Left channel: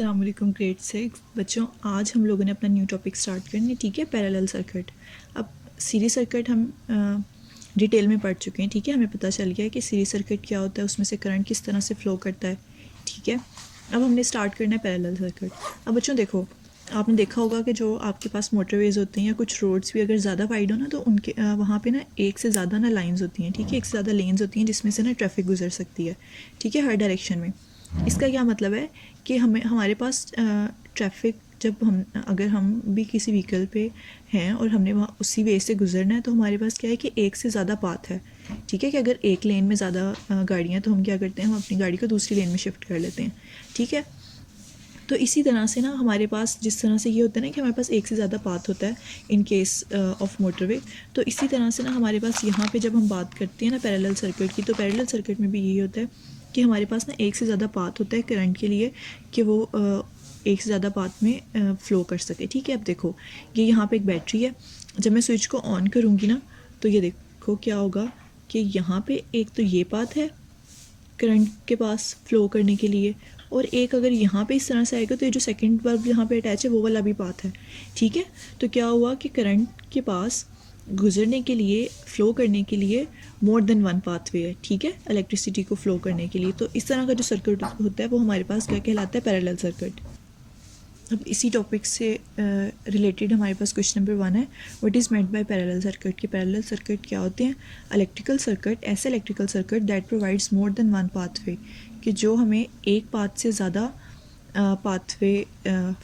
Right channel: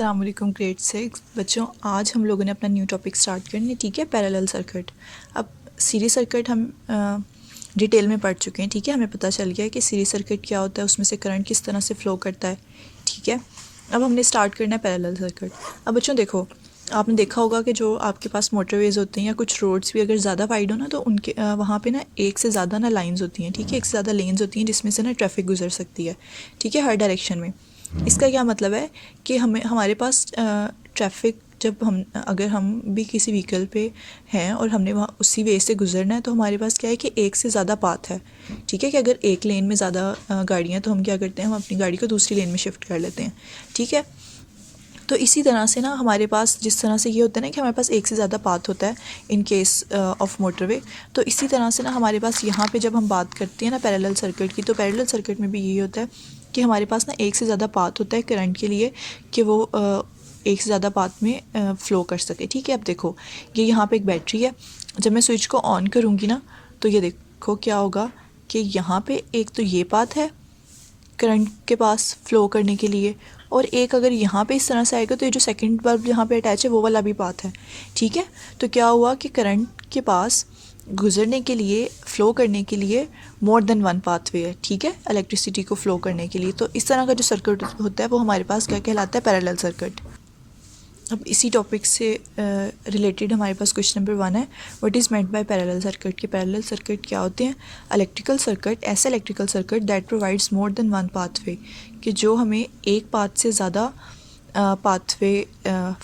अस्सलाम वालेकुम ग्रेड 6 बच्चों, आज हम लोगों ने अपना न्यू टॉपिक स्टार्ट करना है। ठीक है, पैरेलल सर्किट। अब सीरीज सर्किट हम डिटेल में पढ़ चुके हैं। ठीक है, हमें पता चल गया है कि सीरीज सर्किट क्या होता है, उसमें से करंट किस तरह से फ़्लो करता है। ठीक है, अब हमने स्टार्ट करना है पैरेलल सर्किट। अब बच्चों देखो, आपने देखा होगा कि जो आपके पास मोटरवेज़ होते हैं या कुछ रोड्स भी अगर ज़्यादा वाइड हो ना, तो उनके वहाँ पे ना एक से ज़्यादा ना लाइंस होती हैं। ठीक है, एक से ज़्यादा लेन्स होती हैं जिसमें से ना ट्रैफिक गुजर सकती है। ठीक है, हर डायरेक्शन में। इसका क्या मतलब है कि हमारे पास ट्रैफिक जब अगर हम भी किसी व्हीकल पे हैं और हमने वहाँ उसी वे से गुजरना है, तो हमारे पास क्या है कि एक से ज़्यादा पाथ है। ठीक है, कि अगर एक लेन में ज़्यादा गाड़ियाँ, तो हम क्या करते हैं, हम अपनी गाड़ी को दूसरी लेन में शिफ्ट कर लेते हैं। ठीक है, तो इसी तरह से ना हमारे पास जिस तरह से ये होता है ना कि हमारे पास एक से ज़्यादा पाथ होता है इन केस ऑफ मोटरवे, तो इसी तरह से ना हमारे पास यहाँ पे जब हम बात करते हैं ना पैरेलल सर्किट की, तो पैरेलल सर्किट में भी यही होता है कि हमारे पास ना एक से ज़्यादा पाथ होता है करंट के लिए कि वो एक से ज़्यादा पाथ में फ़्लो कर सके। ठीक है, अब देखो ये यहाँ पे एक बैटरी है। जब मैं स्विच को ऑन करूँगी ना, तो ये देखो क्या होगा कि यहाँ पे एक तो ये पाथ है करंट के पास फ़्लो करने के लिए, और एक अगर यहाँ पे इस तरह से आएगा तो ये जो सेकंड बल्ब यहाँ पे अटैच है वो वाला भी पाथ है। ठीक है, तो क्या हुआ कि करंट के पास गुजरने के लिए, फ़्लो करने के लिए मोर देन वन पाथवे है। ठीक है, इलेक्ट्रिसिटी को फ़्लो करने के लिए। तो इस तरह का जो सर्किट होता है वो हमारे पास क्या कहलाता है, पैरेलल सर्किट। अब इसी टॉपिक से रिलेटेड हमारे पास क्वेश्चन नंबर 1 है, what is meant by parallel circuit. कि पैरेलल सर्किट क्या होते हैं। इलेक्ट्रिकल सर्किट, ऐसे electrical circuit that provides more than one pathway, कि जो हमें एक पाथ से ज़्यादा पाथवे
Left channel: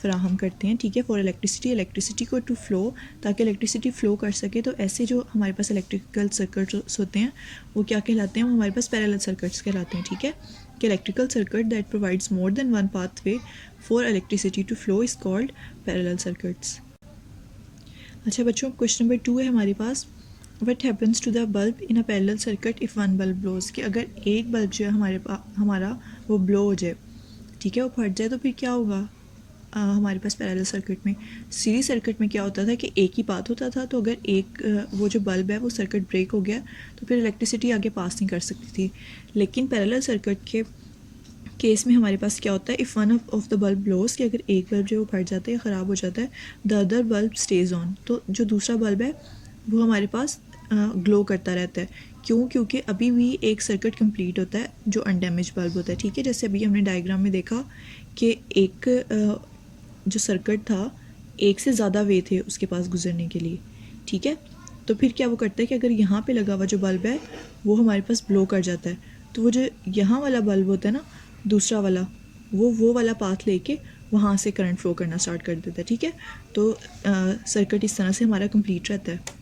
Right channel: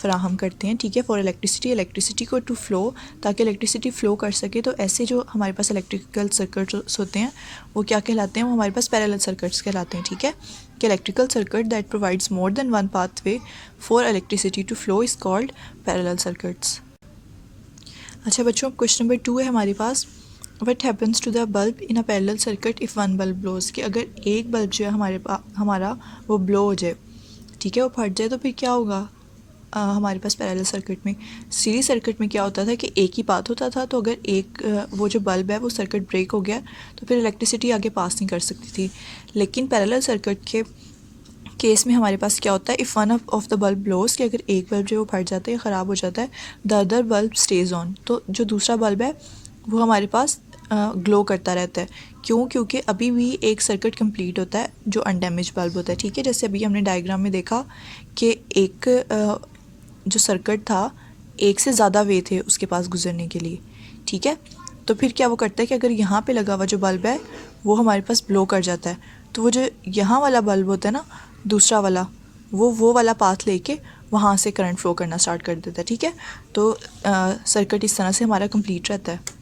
फराहम करते हैं। ठीक है, फॉर इलेक्ट्रिसिटी को टू फ़्लो, ताकि इलेक्ट्रिसिटी फ़्लो कर सके। तो ऐसे जो हमारे पास इलेक्ट्रिकल सर्किट्स होते हैं वो क्या कहलाते हैं, वो हमारे पास पैरेलल सर्किट्स कहलाते हैं। ठीक है, कि electrical circuit that provides more than one pathway for electricity to flow is called parallel circuits. अच्छा बच्चों, क्वेश्चन नंबर 2 है हमारे पास, what happens to the bulb in a parallel circuit if one bulb blows. कि अगर एक bulb जो है हमारा वो ब्लो हो जाए, ठीक है, वो फट जाए, तो फिर क्या होगा हमारे पास पैरेलल सर्किट में। सीरीज सर्किट में क्या होता था कि एक ही पाथ होता था, तो अगर एक वो जो बल्ब है वो सर्किट ब्रेक हो गया तो फिर इलेक्ट्रिसिटी आगे पास नहीं कर सकती थी। लेकिन पैरेलल सर्किट के केस में हमारे पास क्या होता है, if one of the bulb blows, कि अगर एक बल्ब जो वो फट जाता है या ख़राब हो जाता है, the other bulb stage on, तो जो दूसरा बल्ब है वो हमारे पास ग्लो करता रहता है। क्यों? क्योंकि अभी भी एक सर्किट कंप्लीट होता है जो अनडैमेज बल्ब होता है। ठीक है, जैसे अभी हमने डायग्राम में देखा कि एक जो सर्किट था, एक से ज़्यादा वे थे उसके पास गुजरने के लिए। ठीक है, तो फिर क्या वो करता है कि अगर यहाँ पे लगा हुआ जो बल्ब है वो हमारे पास ब्लो कर जाता है, तो वो जो यहाँ वाला बल्ब होता है ना, दूसरा वाला, वो वाला पाथ लेके वहाँ से करंट फ्लो करना स्टार्ट कर देता है। ठीक है, तो सर्किट इस तरह से हमारा कंप्लीट रहता है।